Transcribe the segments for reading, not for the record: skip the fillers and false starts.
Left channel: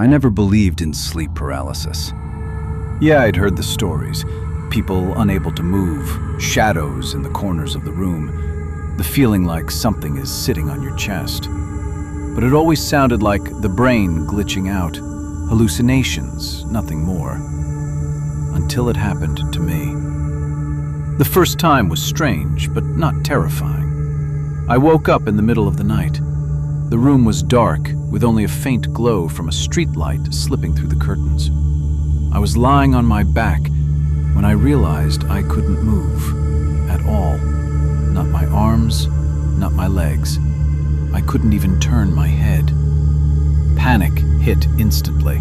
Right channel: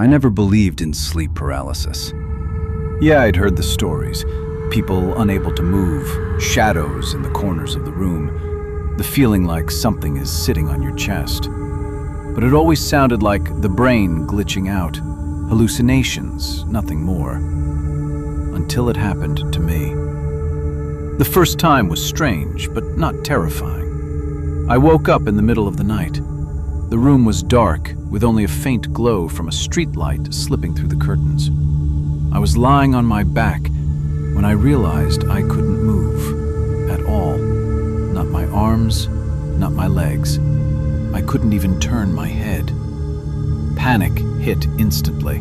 I never believed in sleep paralysis. Yeah, I'd heard the stories. People unable to move, shadows in the corners of the room, the feeling like something is sitting on your chest. But it always sounded like the brain glitching out, hallucinations, nothing more. Until it happened to me. The first time was strange, but not terrifying. I woke up in the middle of the night. The room was dark, with only a faint glow from a street light slipping through the curtains. I was lying on my back when I realized I couldn't move at all. Not my arms, not my legs. I couldn't even turn my head. Panic hit instantly.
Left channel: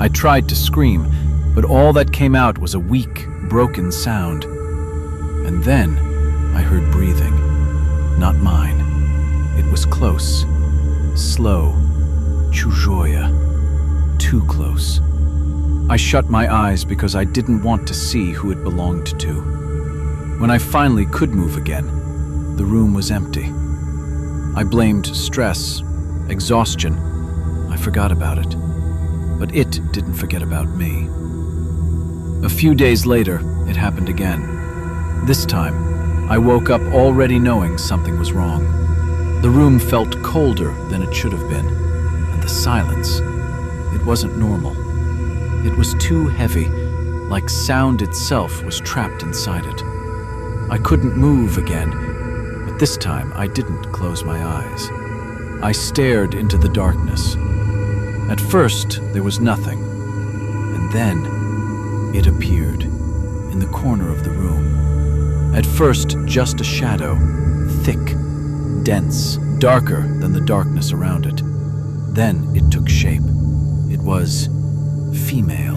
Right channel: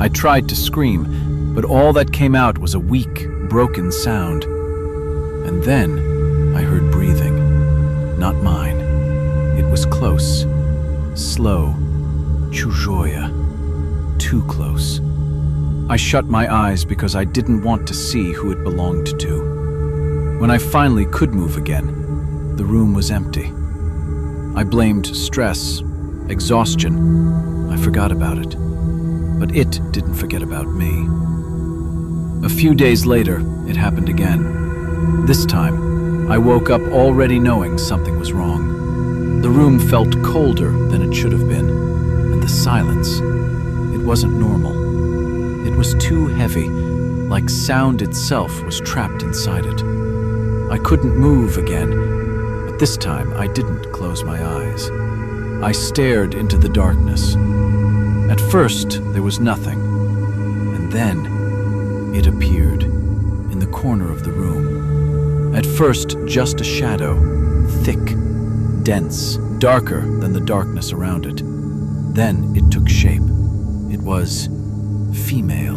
I tried to scream, but all that came out was a weak, broken sound. And then I heard breathing. Not mine. It was close. Slow, чужое, too close. I shut my eyes because I didn't want to see who it belonged to. When I finally could move again, the room was empty. I blamed stress, exhaustion. I forgot about it. But it didn't forget about me. A few days later, it happened again. This time, I woke up already knowing something was wrong. The room felt colder than it should have been, and the silence, it wasn't normal. It was too heavy, like sound itself was trapped inside it. I couldn't move again, but this time I didn't close my eyes. I stared into the darkness. At first, there was nothing, and then it appeared in the corner of the room. At first, just a shadow, thick, dense, darker than the darkness around it. Then it took shape. It was female,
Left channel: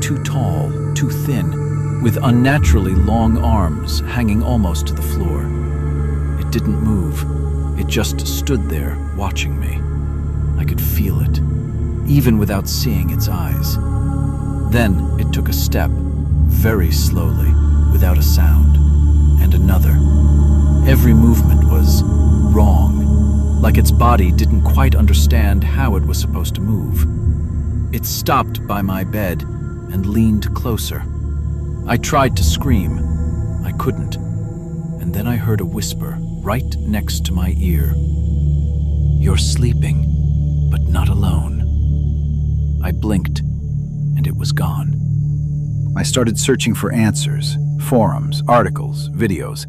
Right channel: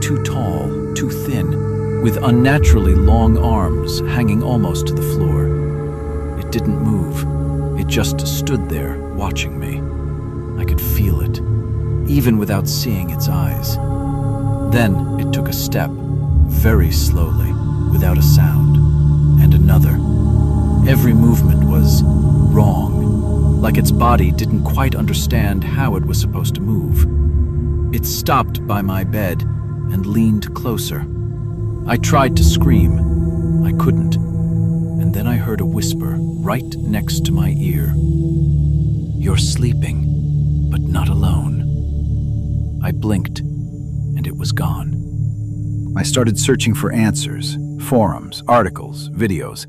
too tall, too thin, with unnaturally long arms hanging almost to the floor. It didn't move. It just stood there, watching me. I could feel it, even without seeing its eyes. Then it took a step, very slowly, without a sound, and another. Every movement was wrong, like its body didn't quite understand how it was supposed to move. It stopped by my bed and leaned closer. I tried to scream. I couldn't. And then I heard a whisper right next to my ear. "You're sleeping, but not alone." I blinked, and it was gone. I started searching for answers, forums, articles, videos.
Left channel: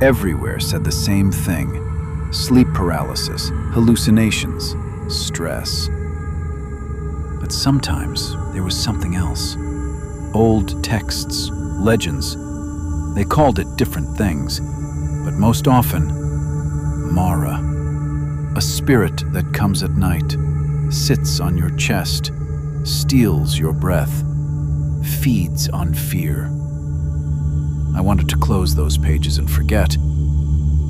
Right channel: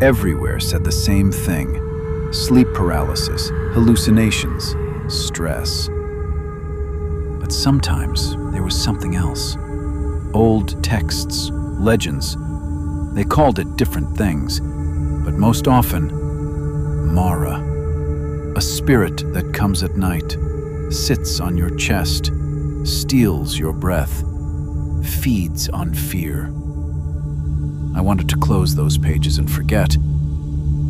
Everywhere said the same thing: sleep paralysis, hallucinations, stress. But sometimes there was something else. Old texts, legends. They called it different things, but most often, Mara. A spirit that comes at night, sits on your chest, steals your breath, feeds on fear. I wanted to close those pages and forget,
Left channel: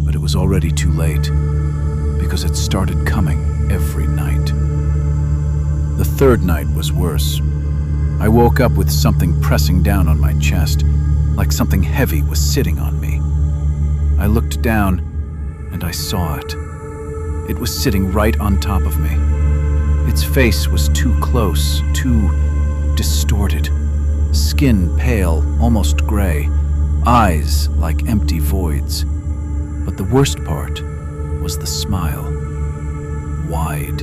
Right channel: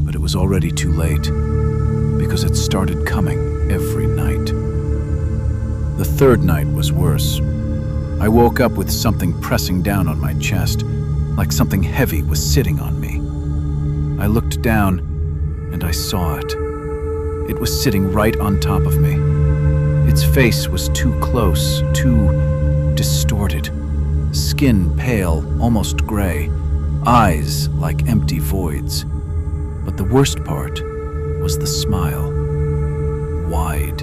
but it was already too late, because it started coming every night. The third night was worse. I woke up with something pressing down on my chest, like something heavy was sitting on me. I looked down, and I saw it. It was sitting right on top of me. Its face was too close, too distorted. Skin pale, almost gray. Eyes like empty voids. But the worst part was the smile. Wide,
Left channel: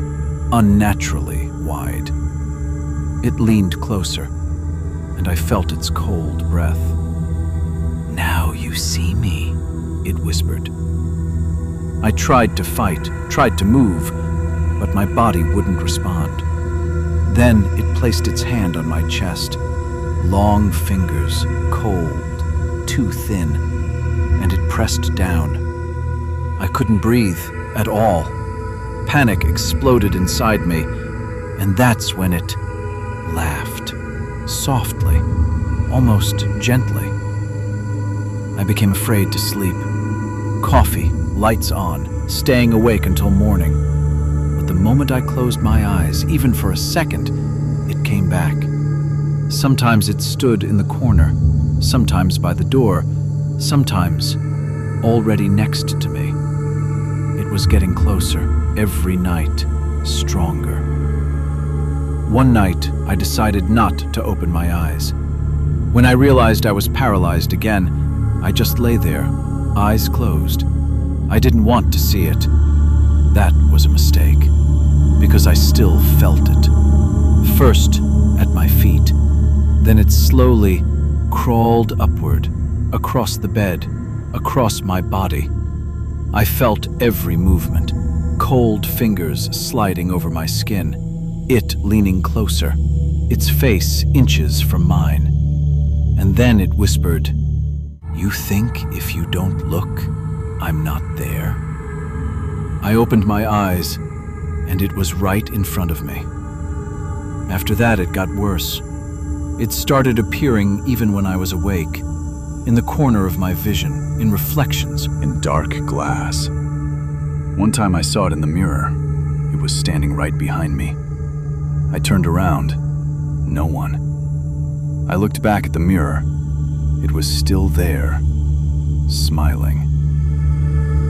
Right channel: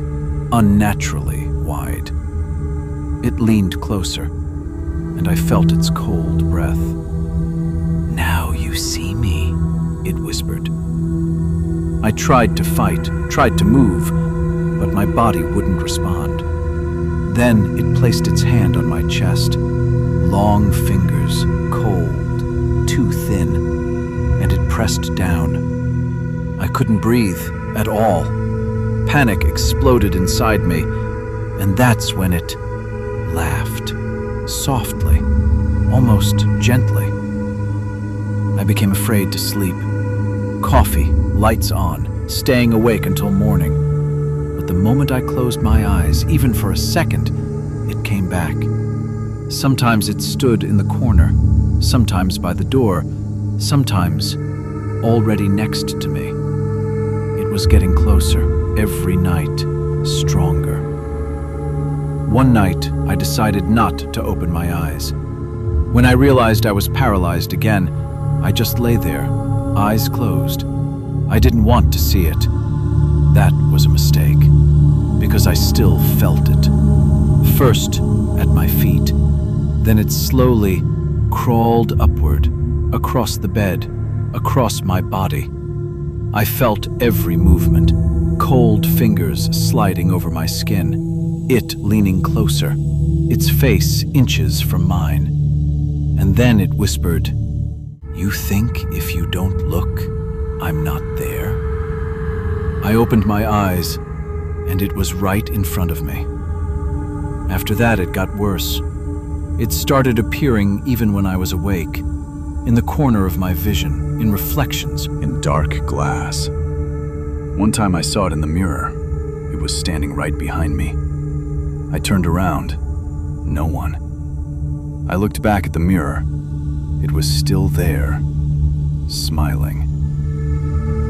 unnaturally wide. It leaned closer, and I felt its cold breath. "Now you see me," it whispered. I tried to fight, tried to move, but my body wouldn't respond. Then it placed its hand on my chest. Long fingers, cold, too thin, and it pressed down. I couldn't breathe at all. Panic exploded inside me, and that's when it laughed, softly, almost gently. I became afraid to sleep. Coffee, lights on, staying awake until morning. But the moment I closed my eyes, even for a second, it came back. Sometimes it stood in the corner, sometimes by the door, sometimes already next to me. It was getting closer, every night, stronger. One night, I decided not to open my eyes. When I realized I was paralyzed again, I just lay there, eyes closed. I didn't want to see it. That was a mistake, because I still felt it. First, at my feet. Then it slowly crawled upward, across the bed, across my body. I felt every movement, cold fingers sliding over my skin, it leaning closer, its face inches from mine. And then it whispered, "You think if you don't look, I'm not there?" I opened my eyes, and it was right in front of me. After that, it got worse. It started appearing even when I was awake, in the corner of my vision, in reflections, in dark glass. One time I saw it in the mirror. It was standing right behind me. I turned around. No one. I looked back at the mirror. It was still there, smiling.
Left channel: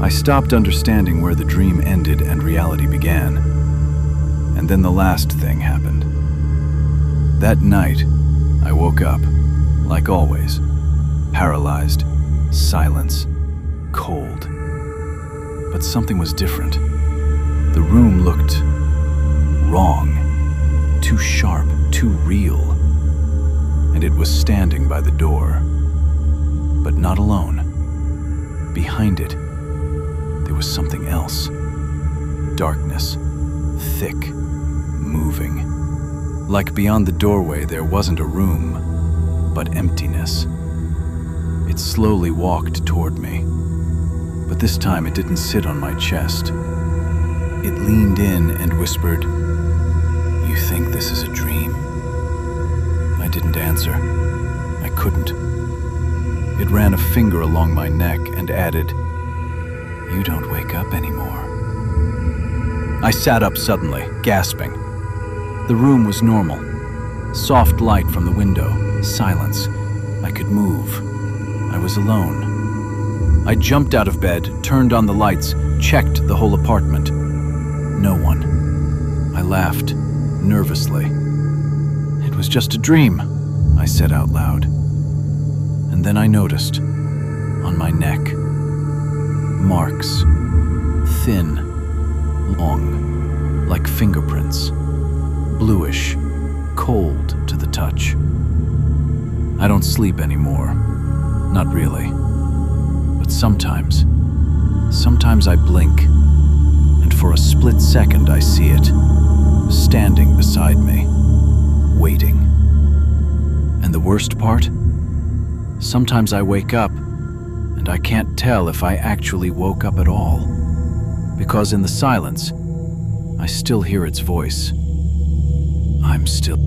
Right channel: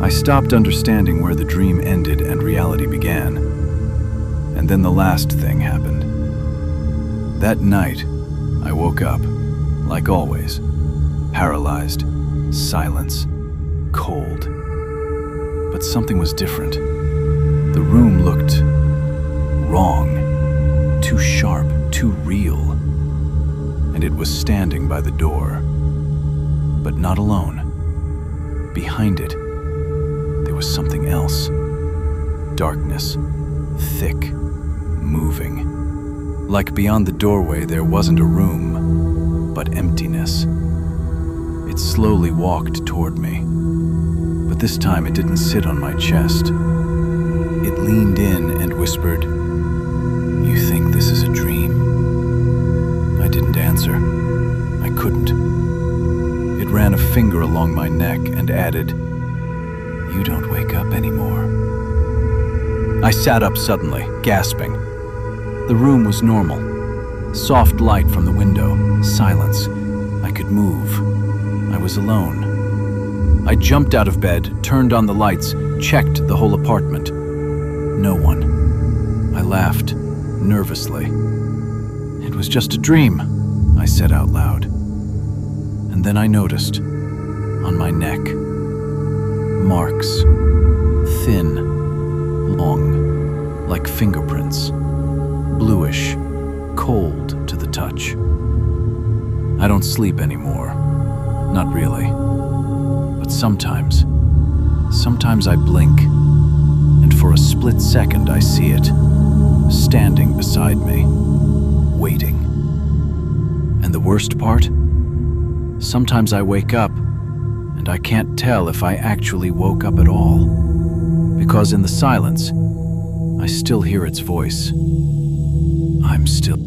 I stopped understanding where the dream ended and reality began. And then the last thing happened. That night, I woke up, like always, paralyzed, silence, cold. But something was different. The room looked wrong, too sharp, too real. And it was standing by the door, but not alone. Behind it, there was something else. Darkness, thick, moving. Like beyond the doorway, there wasn't a room, but emptiness. It slowly walked toward me, but this time it didn't sit on my chest. It leaned in and whispered, "You think this is a dream?" I didn't answer. I couldn't. It ran a finger along my neck and added, "You don't wake up anymore." I sat up suddenly, gasping. The room was normal. Soft light from the window, silence. I could move. I was alone. I jumped out of bed, turned on the lights, checked the whole apartment. No one. I laughed, nervously. "It was just a dream," I said out loud. And then I noticed, on my neck, marks, thin, long, like fingerprints, bluish, cold to the touch. I don't sleep anymore, not really. But sometimes I blink, and for a split second I see it, standing beside me, waiting. And the worst part? Sometimes I wake up, and I can't tell if I actually woke up at all, because in the silence, I still hear its voice. I'm still